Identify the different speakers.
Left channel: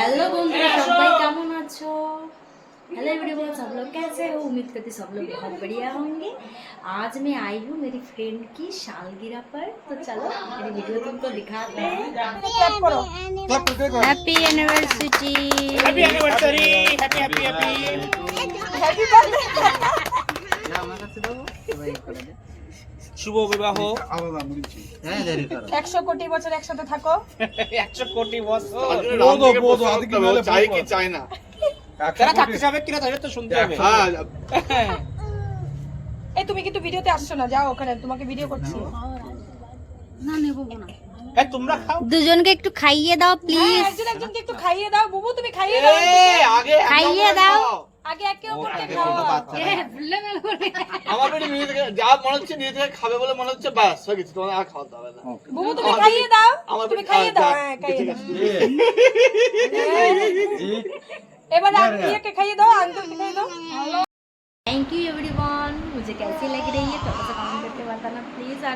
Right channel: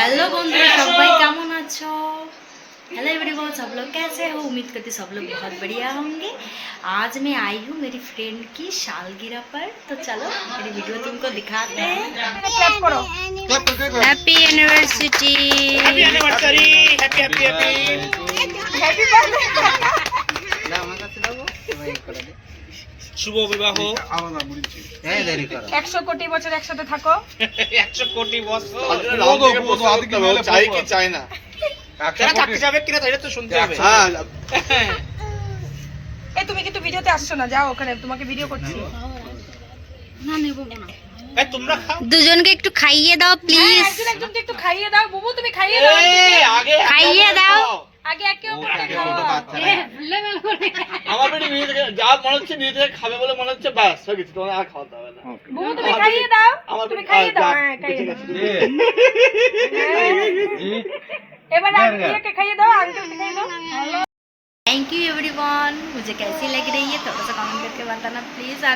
Speaker 1: Hello बंधुरा सबा केमन আছো हेलो एवरीवन सब लोग कैसे हो उम्मीद करती सब लोग बहुत बढ़िया होंगे आज मैं आई हूँ मेरी फ्रेंड की सालगिरह पर तो चलो मेरी वीडियो तुमको दिखाते हैं happy university
Speaker 2: happy anniversary happy happy happy
Speaker 3: happy birthday
Speaker 2: শুভ বিবাহ।
Speaker 3: একশো কোটি বছর একসাথে থাকো।
Speaker 2: একশো কোটি বছর।
Speaker 4: চাই কি চাই না।
Speaker 2: তারা থাকতে যাবে কিনা তাই তো শুনতে হবে।
Speaker 4: হ্যাঁ
Speaker 3: এই তুমি কিন্তু ভিডিওতে আসছো না যাও ওখানে তোমাকে ভিডিও করছি।
Speaker 2: এই, তোমরা খাও।
Speaker 1: দুজনকে একটু খাইয়ে দাও
Speaker 3: হ্যাঁ,
Speaker 1: প্লিজ
Speaker 3: একজন একজনকে একটু খাইয়ে দাও বুবু তুমি খাইয়ে দাও
Speaker 2: আগে
Speaker 1: খাইয়ে দাও।
Speaker 3: আগে একে অপরকে
Speaker 4: আমার বেটি যা মনে হচ্ছে নিজে থেকে খাবে বলে মনে হচ্ছে ব্যাস হয়ে গেছে তোমার আর খাওয়াতে হবে না
Speaker 3: বুবু তুমি খাইয়ে দাও
Speaker 4: আমার
Speaker 3: তুমি
Speaker 4: বেটি-
Speaker 3: খাইয়ে দাও
Speaker 4: যাক,
Speaker 3: হ্যাঁ খাইয়ে
Speaker 4: ঠিক
Speaker 3: দাও
Speaker 4: আছে।
Speaker 3: হ্যাঁ। এবার আঙ্কেলকে খাইয়ে দাও আঙ্কেলকে খাইয়ে দাও
Speaker 1: थैंक यू एवरीवन मुझे कैसी लग रही है थोड़ा सा कमेंट करके बताना प्लीज़